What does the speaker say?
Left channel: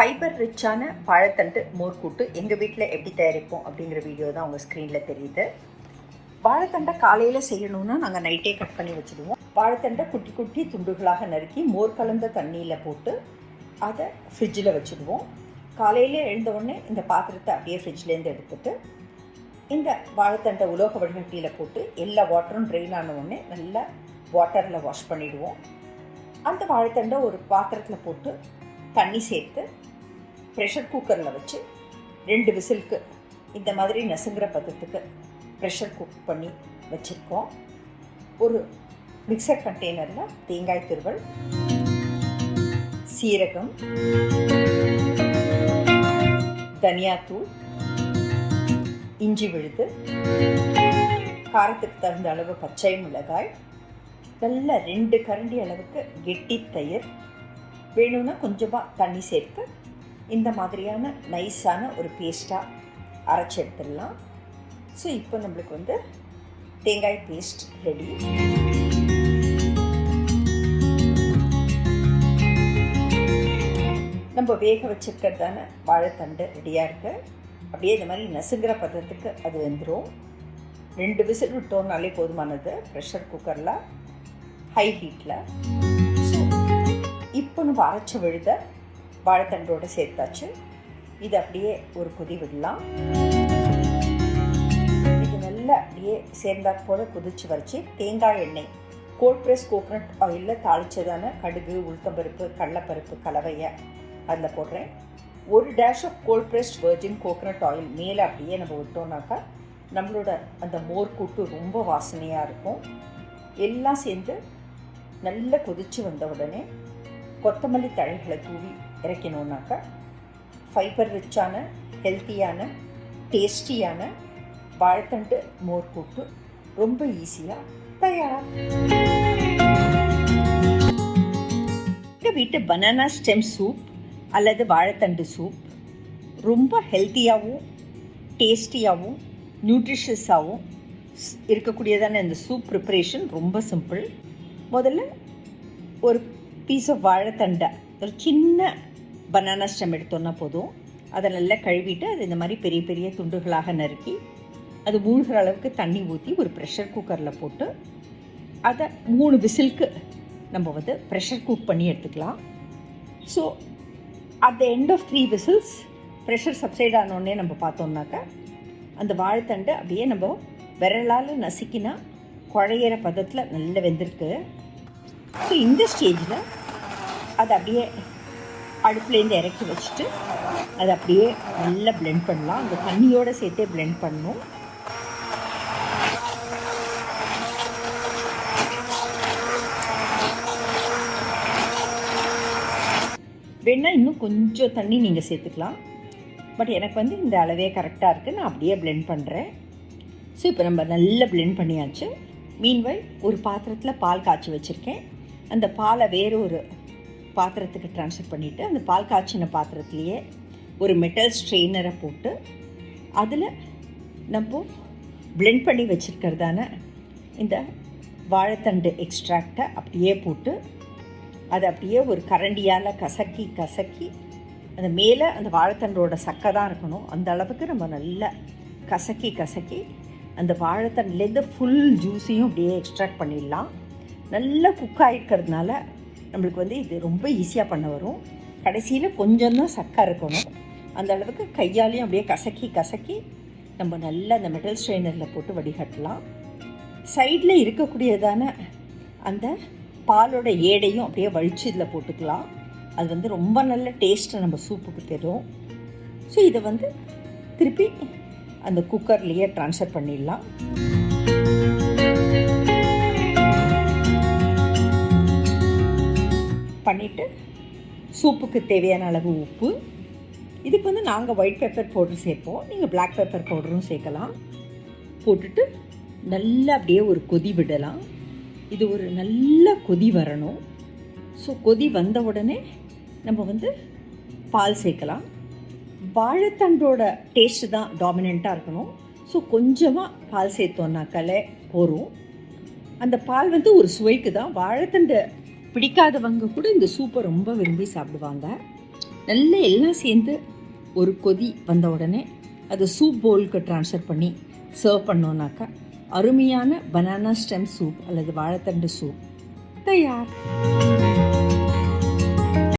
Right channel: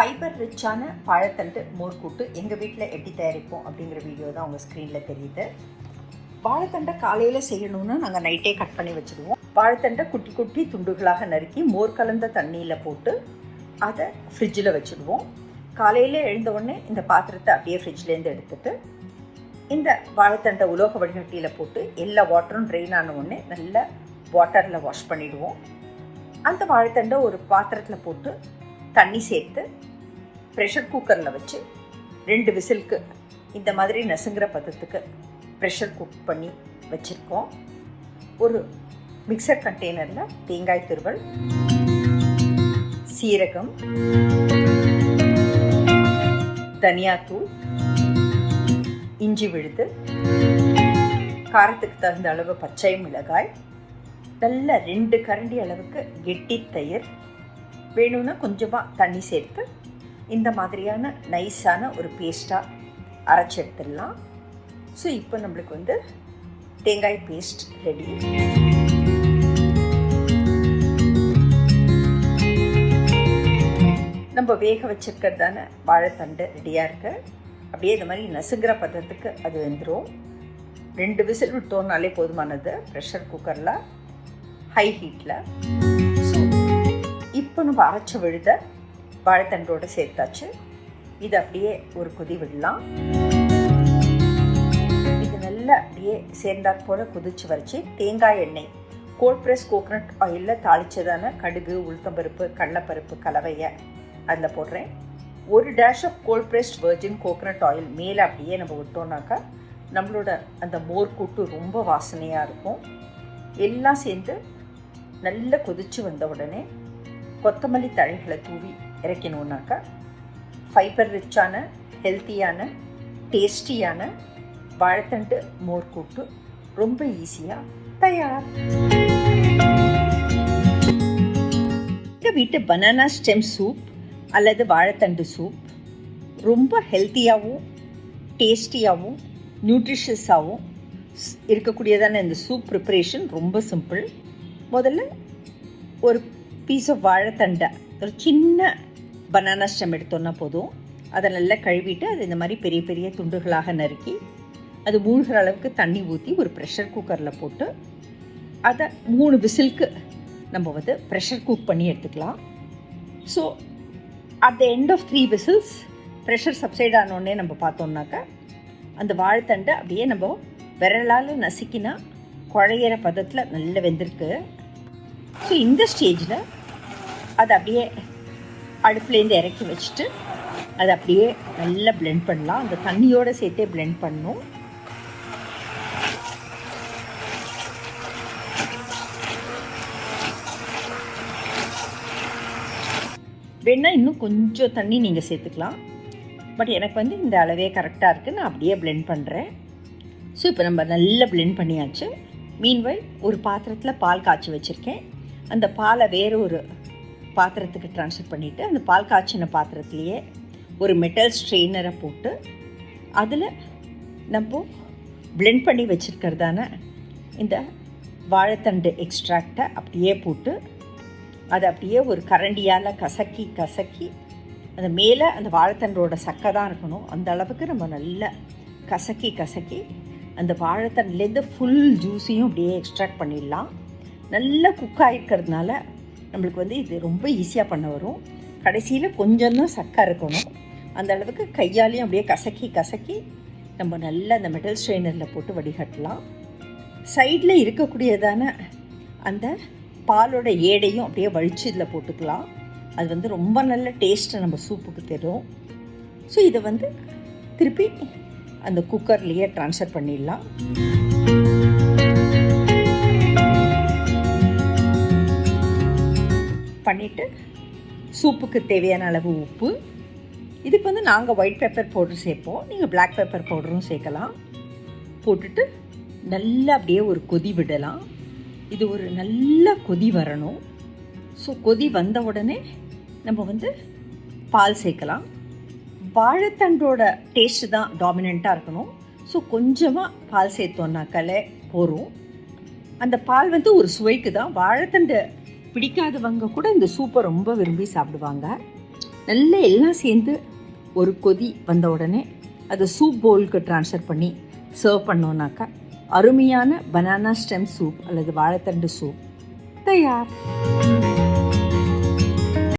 Fibre ரிச்சான வாழைத்தண்டு மோர்க்கூட்டு எங்கள் வீட்டில் எப்படி தயாரிப்போம் அப்படிங்கிற வீடியோ தான் உங்கள் ஸ்க்ரீனில் தெரியுது. வாழைத்தண்டை காலையில் செய்யணும்னா நாங்கள் நைட்டே கட் பண்ணி வச்சுடுவோம். வாழைத்தண்டை குட்டி குட்டி துண்டுகளாக நறுக்கி மோர் கலந்த தண்ணியில் போட்டு அதை ஃப்ரிட்ஜில் வச்சுடுவோம். காலையில் எழுந்தவுடனே இந்த பாத்திரத்தை அப்படியே ஃப்ரிட்ஜ்லேருந்து எடுத்துட்டு இந்த வாழைத்தண்டை உலோக வடிகட்டியில் போட்டு எல்லா வாட்டரும் ட்ரெயின் ஆன உடனே நல்லா வாட்டரில் வாஷ் பண்ணிவிடுவோம். அந்த வாழைத்தண்டை ஒரு பாத்திரத்தில் போட்டு தண்ணி சேர்த்து ப்ரெஷர் குக்கரில் வச்சு 2 விசிலுக்கு இந்த மாதிரி நசுங்கிற பதத்துக்கு ப்ரெஷர் குக் பண்ணி வச்சுருக்கோம். ஒரு மிக்சர் கண்டெய்னரில் தேங்காய் துருவல், சீரகம், தனியாத்தூள், இஞ்சி விழுது, காரத்துக்கு தகுந்த அளவு பச்சை மிளகாய், நல்ல 2 கரண்டி அளவுக்கு கெட்டி தயிர், வேணும்னா கொஞ்சமாக தண்ணி சேர்த்து இந்த மாதிரியான நைஸான ஒரு பேஸ்ட்டாக அரைச்சி எடுத்துடலாம். ஸோ இப்போ நம்மளுக்கு தேங்காய் பேஸ்ட் ரெடி. நம்ம வேக வச்சிருக்கிறதான வாழைத்தண்டு ரெடியாக இருக்கு. அப்படியே இந்த மாதிரி நசுங்கிற பதத்துக்கு அது வெந்துடும். 2 விசில் விட்டோம்னாலே போதுமானது ப்ரெஷர் குக்கரில் ஹை ஹீட்டில். இப்போ நம்ம அரைச்ச விழுத வாழைத்தண்டோடு சேர்த்தாச்சு. இது அப்படியே ஒரு கொதி விடலாம். இது நல்லா அப்படியே சேர்ந்தாற் போல கொதிச்சு வரைச்சி தேங்காய் எண்ணெய், கோல்ட் ப்ரெஸ் கோகனட் ஆயிலில் தாளிச்சதான கடுகு, உளுத்தம்பருப்பு, கடலைப்பருப்பு கலவையை அதில் போடுறேன். 1 dash of cold press virgin coconut oil மேலே அப்படியே நம்ம விட்டோம்னாக்கா நம்மளோட அந்த மோர் கூட்டு ரொம்ப வாசனையாக இருக்கும். எல்லாம் சேர்ந்து நல்லா கொதிச்சு வந்த உடனே கொத்தமல்லி தழைகளை தூவி இறக்கணுன்னாக்கா ஃபைபர் ரிச்சான, ஹெல்த்தியான, டேஸ்டியான வாழைத்தண்டு மோர் கூட்டு ரொம்ப ஈஸியாக தயார். எங்கள் வீட்டு பனானா ஸ்டெம் சூப் அல்லது வாழைத்தண்டு சூப் ரொம்ப ஹெல்த்தியாகவும் டேஸ்டியாகவும் நியூட்ரிஷியஸாகவும் இருக்கக்கூடியதான இந்த சூப் ப்ரிப்பரேஷன் ரொம்ப சிம்பிள். முதல்ல ஒரு பீஸ் ஆஃப் வாழைத்தண்டை, ஒரு சின்ன பனானா ஸ்டெம் எடுத்தோன்னா போதும். அதை நல்லா கழுவிட்டு அது இந்த மாதிரி பெரிய பெரிய துண்டுகளாக நறுக்கி அது மூழ்கிற அளவுக்கு தண்ணி ஊற்றி ஒரு ப்ரெஷர் குக்கரில் போட்டு அதை 3 விசிலுக்கு நம்ம ப்ரெஷர் குக் பண்ணி எடுத்துக்கலாம். So at the end of 3 whistles pressure subside ஆனோடனே நம்ம பார்த்தோம்னாக்கா அந்த வாழைத்தண்டை அப்படியே நம்ம விரலால் நசுக்கினா குழையிற பதத்தில் நல்லா வெந்திருக்கு. ஸோ இந்த ஸ்டேஜில் அதை அப்படியே அடுப்புலேருந்து இறக்கி வச்சுட்டு அதை அப்படியே நல்லா பிளெண்ட் பண்ணலாம். அந்த தண்ணியோடு சேர்த்தே பிளெண்ட் பண்ணணும். வேணால் இன்னும் கொஞ்சம் தண்ணி நீங்கள் சேர்த்துக்கலாம். பட் எனக்கு இந்த அளவே கரெக்டாக இருக்குது. நான் அப்படியே பிளெண்ட் பண்ணுறேன். ஸோ இப்போ நம்ம நல்லா பிளெண்ட் பண்ணியாச்சு. மீன்வைல் ஒரு பாத்திரத்தில் பால் காய்ச்சி வச்சுருக்கேன். அந்த பாலை வேறு ஒரு பாத்திரத்துக்கு ட்ரான்ஸ்ஃபர் பண்ணிவிட்டு அந்த பால் காய்ச்சின பாத்திரத்துலேயே ஒரு மெட்டல் ஸ்ட்ரெயினரை போட்டு அதில் நம்ம பிளெண்ட் பண்ணி வச்சுருக்கிறதான இந்த வாழைத்தண்டு எக்ஸ்ட்ராக்டை அப்படியே போட்டு அதை அப்படியே ஒரு கரண்டியால் கசக்கி கசக்கி அந்த மேலே அந்த வாழைத்தண்டோட சக்கை தான் இருக்கணும். அந்த அளவுக்கு நம்ம நல்லா கசக்கி கசக்கி அந்த வாழைத்தண்டுலேருந்து ஃபுல் ஜூஸையும் அப்படியே எக்ஸ்ட்ராக்ட் பண்ணிடலாம். நல்லா குக் ஆகிருக்கிறதுனால நம்மளுக்கு இது ரொம்ப ஈஸியாக பண்ண வரும். கடைசியில் கொஞ்சம் தான் சக்கை இருக்கணும். அந்த அளவுக்கு கையாலையும் அப்படியே கசக்கி கசக்கி நம்ம நல்லா அந்த மெட்டல் ஸ்ட்ரெயினரில் போட்டு வடிகட்டலாம். சைடில் இருக்கக்கூடியதான அந்த பாலோட ஏடையும் அப்படியே வலிச்சு இதில் போட்டுக்கலாம். அது ரொம்ப நல்ல டேஸ்ட்டை நம்ம சூப்புக்கு தரும். ஸோ இதை திருப்பி அந்த குக்கர்லேயே ட்ரான்ஸ்ஃபர் பண்ணிடலாம். பண்ணிவிட்டு சூப்புக்கு தேவையான அளவு உப்பு, இதுக்கு நாங்கள் ஒயிட் பெப்பர் பவுடர் சேர்ப்போம். நீங்கள் பிளாக் பெப்பர் பவுடரும் சேர்க்கலாம். போட்டுட்டு நல்லா அப்படியே ஒரு கொதி விடலாம். இது ஒரு நல்ல கொதி வரணும். ஸோ கொதி வந்த உடனே நம்ம பால் சேர்க்கலாம். வாழைத்தண்டோட டேஸ்ட்டு தான் டாமினண்ட்டாக இருக்கணும். ஸோ கொஞ்சமாக பால் சேர்த்தோன்னாக்காலே போகும். அந்த பால் ஒரு சுவைக்கு தான். வாழைத்தண்டு பிடிக்காதவங்க கூட இந்த சூப்பை ரொம்ப விரும்பி சாப்பிடுவாங்க. நல்லா எல்லாம் சேர்ந்து ஒரு கொதி வந்த உடனே அதை சூப் பவுலுக்கு ட்ரான்ஸ்ஃபர் பண்ணி சர்வ் பண்ணோன்னாக்கா அருமையான பனானா ஸ்டெம் சூப் அல்லது வாழைத்தண்டு சூப் தயார்.